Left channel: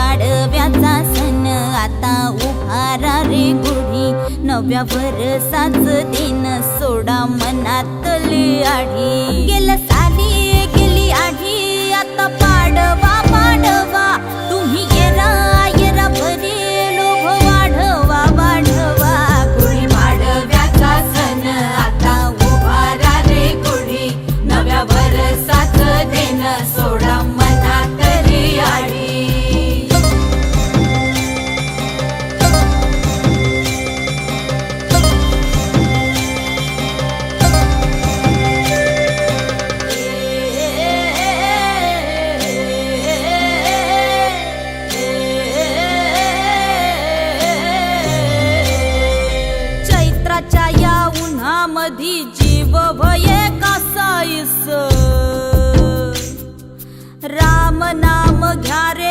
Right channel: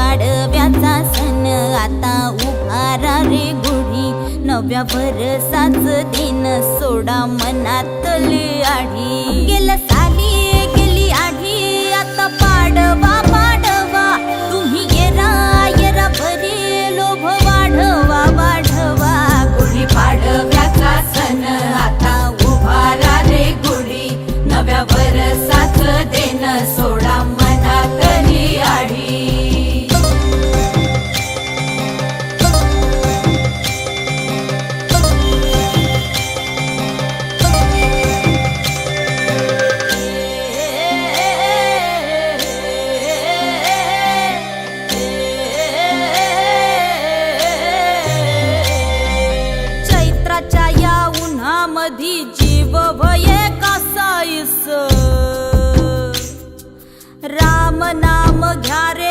पाडव्याचा सण आता उभारा रे गुढी, नव्या वर्षाच दिन सोडा मनातली आढी। गेल्या साली गेली आढी, आता पाडवा पाडवा, तुम्ही येरा येरा बरी लोभ वाढवा वाढवा। गुढी पाडव्याचा सण आता उभारा रे गुढी, नव्या वर्षाच दिन सोडा मनातली आढी। चैत्राच्या या उन्हामधी जीव भये कासाईस, राम नाम घ्या रे।